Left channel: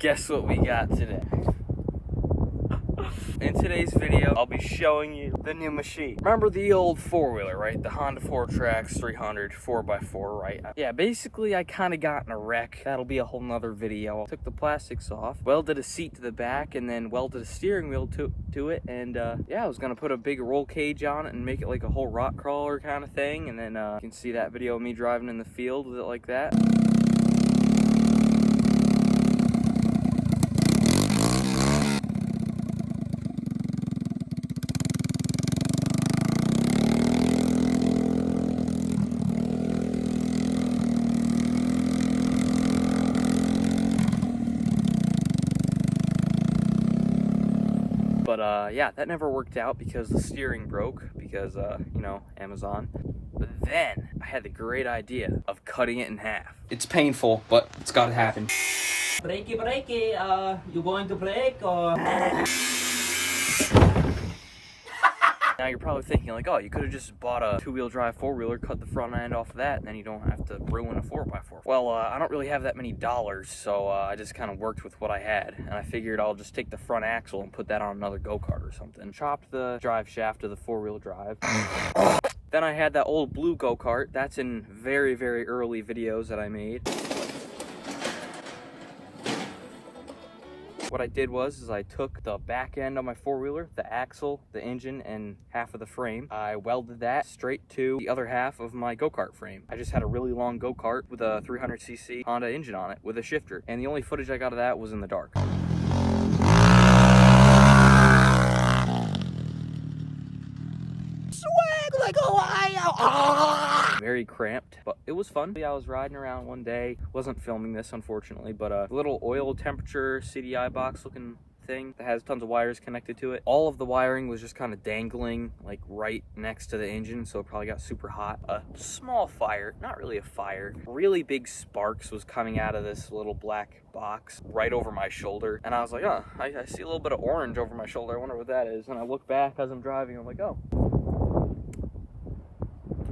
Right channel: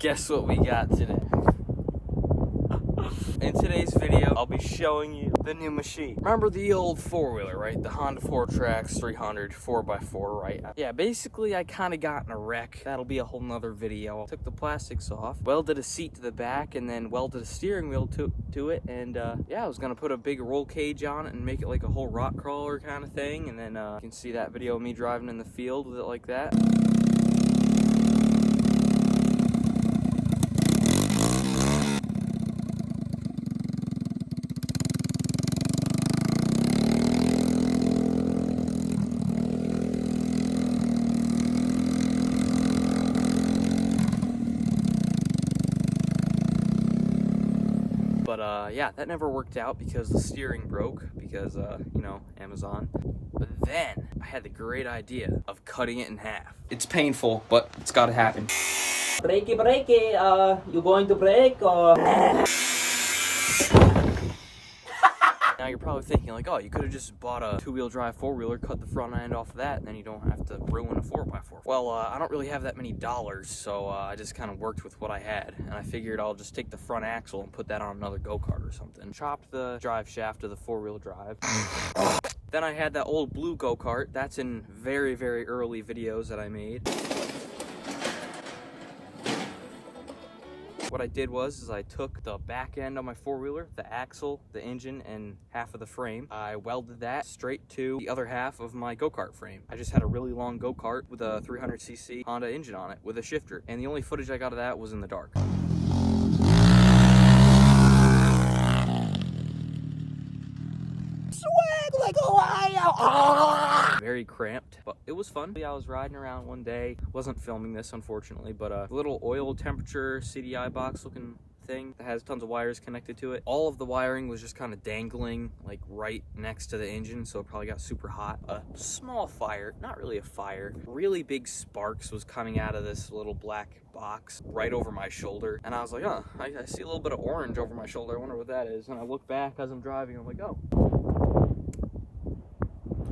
Guess what we got today? In today's video, I'll be showing you the new machine. Remember the old four-wheeler, right? The Honda Fourtrax 300 4x4, right? Yeah, basically I kind of got in a wreck. That'll be a whole nother video. Took the plastics off, welded a seat to the back, and then welded a steering wheel to it. And yeah, I was gonna put a big roll cage on it and make it like a whole rock crawler kind of thing. And then you can see that video of me driving in the field with it like that. But yeah, that never worked out because the steering broke because, you know, Amazon. But then I had the great idea of cutting it in half. It's painful, but it's gotta happen. Brakey, you going to break or? Now you're probably thinking like, oh, you could have just bought a two-wheel drive four-wheeler, cut the front end off of that, and then you don't have to ruin a 4x4. Well, I don't really have that many dollars, so I just kind of worked with what I had, and I figured I'll just take the front axle and put that on another go-kart or something. Chopped the drive shaft of the four-wheel drive. Then I had that old blue go-kart. That's in very, very early videos that I made. What I did was I took the back end of my four-wheeler, the axle, the engine, and half of the frame. I welded that straight to the other half of my go-kart frame. I just had a really long go-kart with a 300cc Honda engine on it with a shifter. And the only footage I got of that was in the dark. Swag like a wild. Very cramped, but it was fun. I was riding around one day, wasn't filming this unfortunately, but a little oil temperature CDI box looking thing that has tons of wires connected to it. All of the wiring was just kind of dangling like right next to the engine, so it probably got super hot. A small fire, not really a fire, really big sparks was coming out of this little black box right over my shoulder, and I was like, oh, I see a little bit of orange over my shoulder. I wonder what that is. And I look back as I'm driving, I'm like, oh,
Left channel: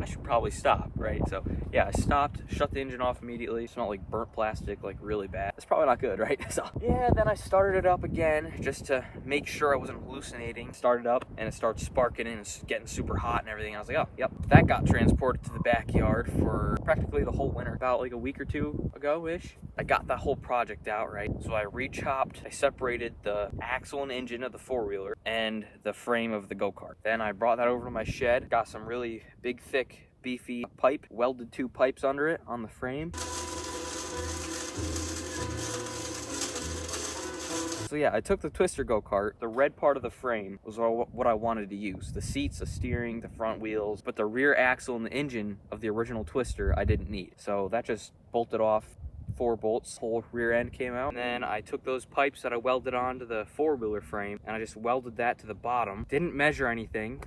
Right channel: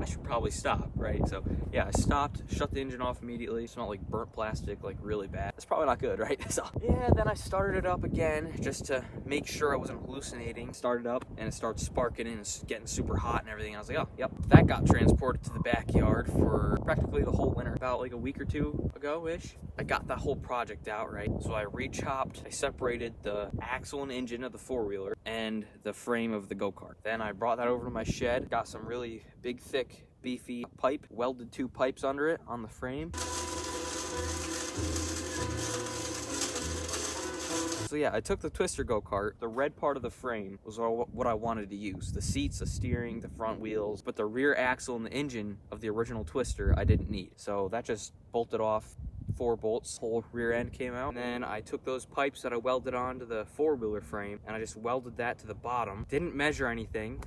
I should probably stop, right? So yeah, I stopped, shut the engine off immediately. It smelled like burnt plastic, like really bad. It's probably not good, right? So yeah, then I started it up again just to make sure I wasn't hallucinating. Started up and it started sparking and it's getting super hot and everything. I was like, oh, yep. That got transported to the backyard for practically the whole winter. About like a week or two ago-ish. I got that whole project out, right? So I re-chopped, I separated the axle and engine of the four-wheeler and the frame of the go-kart. Then I brought that over to my shed, got some really big, thick, beefy pipe, welded two pipes under it on the frame. So yeah, I took the twister go-kart. The red part of the frame was what I wanted to use. The seats, the steering, the front wheels, but the rear axle and the engine of the original twister I didn't need. So that just bolted off 4 bolts, whole rear end came out. And then I took those pipes that I welded onto the four-wheeler frame and I just welded that to the bottom. Didn't measure anything,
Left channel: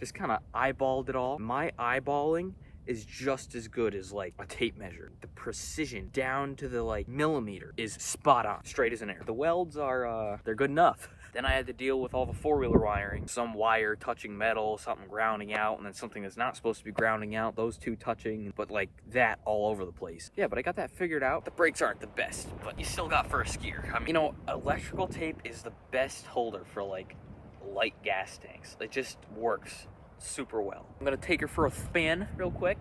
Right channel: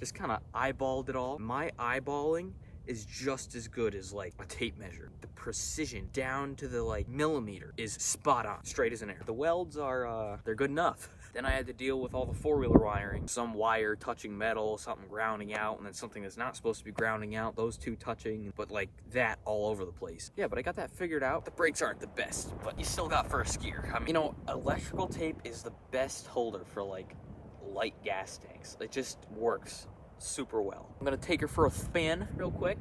just kind of eyeballed it all. My eyeballing is just as good as like a tape measure. The precision down to the like millimeter is spot on, straight as an arrow. The welds are, they're good enough. Then I had to deal with all the four-wheeler wiring. Some wire touching metal, something grounding out, and then something that's not supposed to be grounding out, those two touching, but like that all over the place. Yeah, but I got that figured out. The brakes aren't the best, but you still got first gear. I mean, you know, electrical tape is the best holder for like light gas tanks. It just works super well. I'm gonna take her for a spin real quick.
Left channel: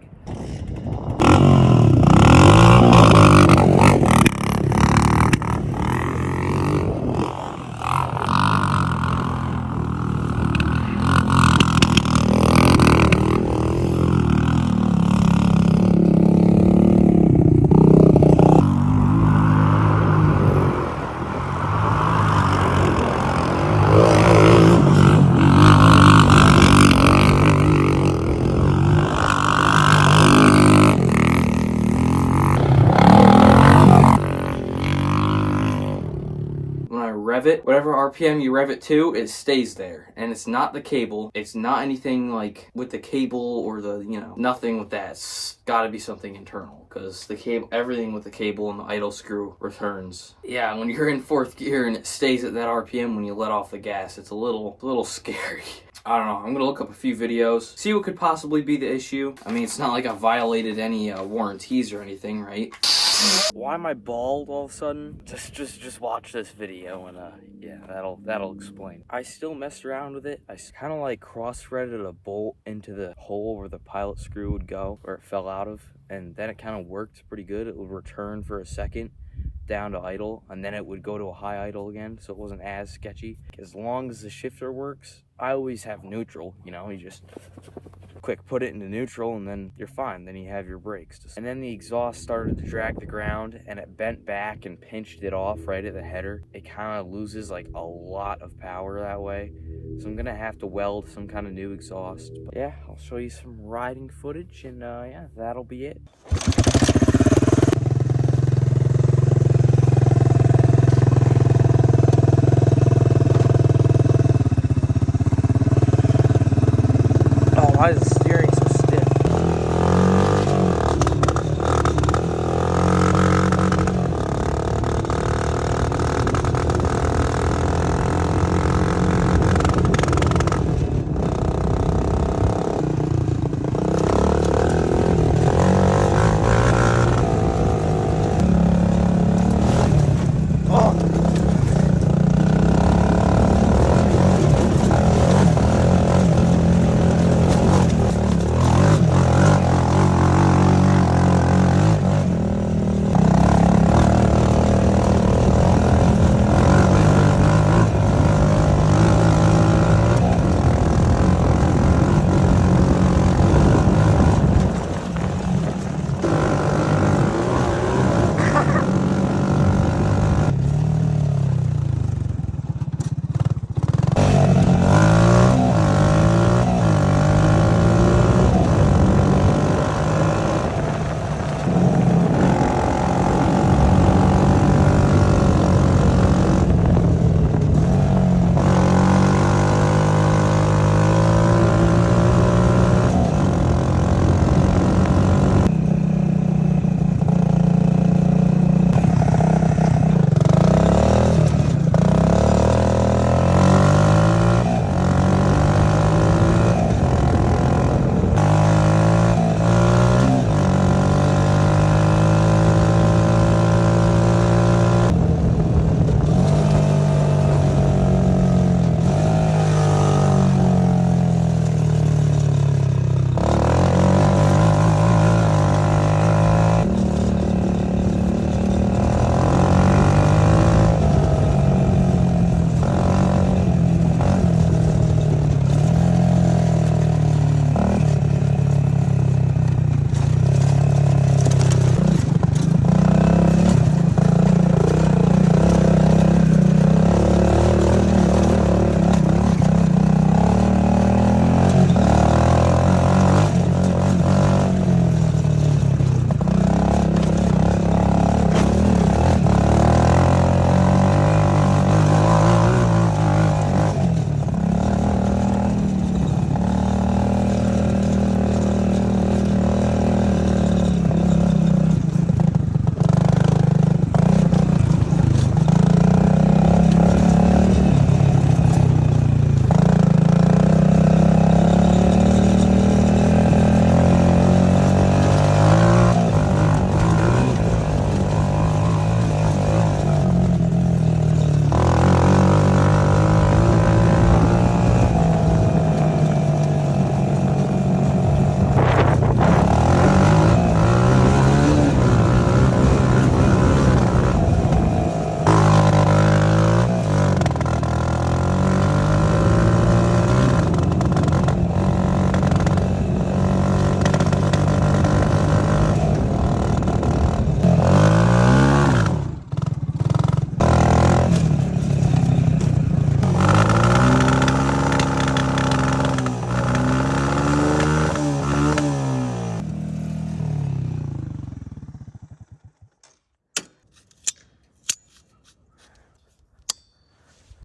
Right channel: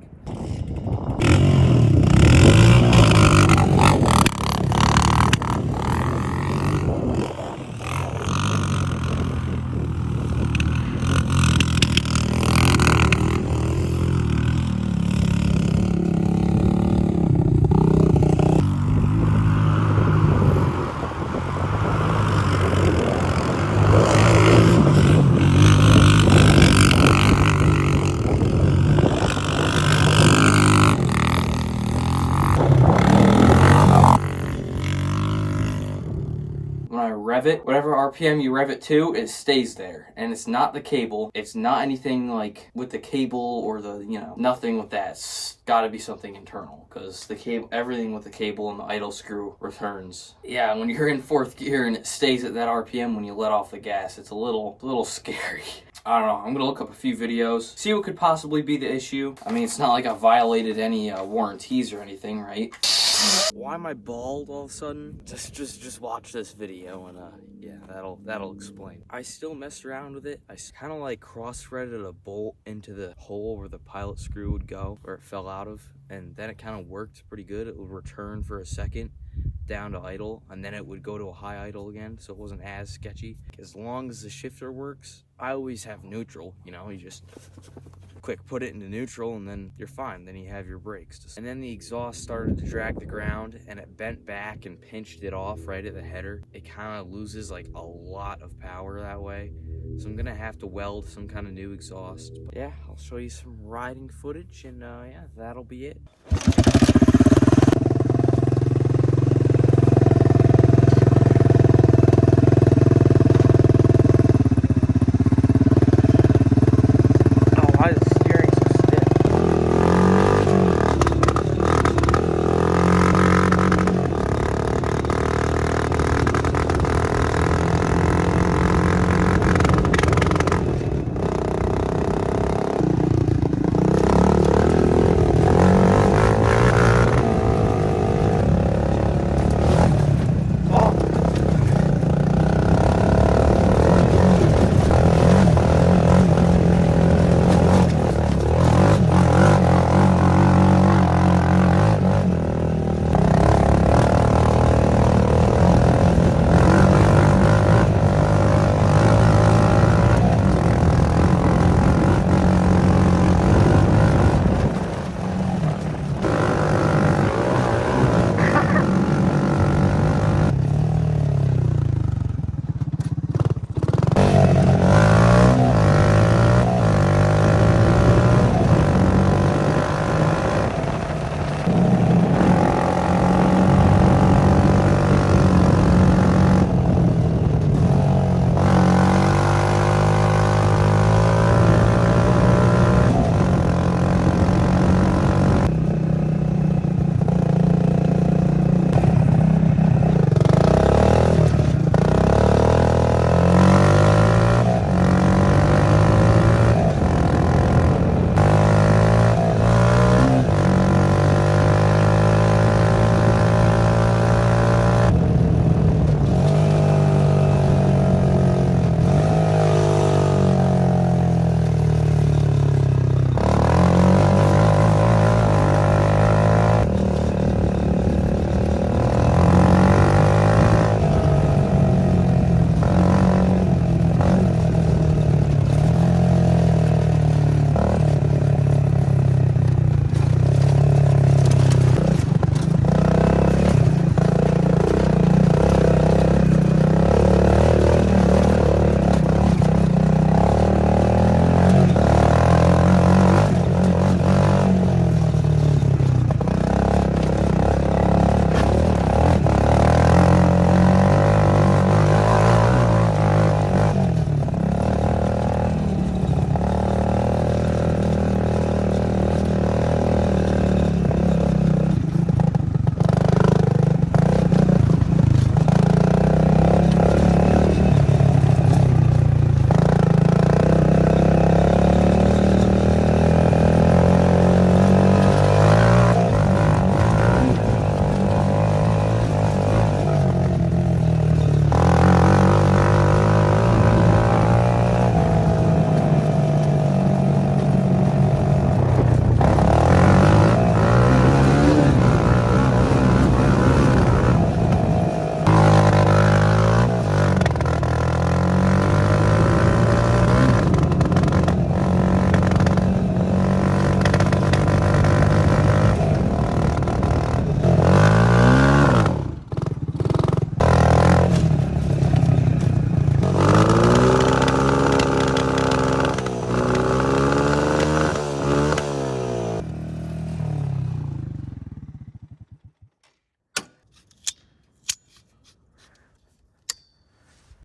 Rev it, whatever RPM you rev it to, it stays there. And it's not the cable. It's not anything like with the cable or the, you know, nothing with that. It's gotta be something internal because the cable, everything with the cable and the idle screw returns. Yeah, when you're in 4th gear and it stays at that RPM when you let off the gas, it's a little scary. I don't know, I'm gonna look up a few videos, see what could possibly be the issue. I mean, it's not like I violated any warranties or anything, right? Why am I bald all of a sudden? Just watch this video and yeah, that'll explain. I still messed around with it. I kind of like cross-threaded a bolt into the hole where the pilot screw would go, where it fell out of, and then it kind of worked pretty good. It would return for a second down to idle, and then it would go to a high idle again, so it wasn't as sketchy. As long as the shifter works, I always have neutral, you know, you just quick put it into neutral and then you're fine. Then you have your brakes. And then the exhaust started to drag the ground and it bent back and pinched it off right at the header. It kind of loses like a lot of power that way. So I'm gonna have to weld some kind of new exhaust. But yeah, I'll show you some riding footage and yeah, that'll be it.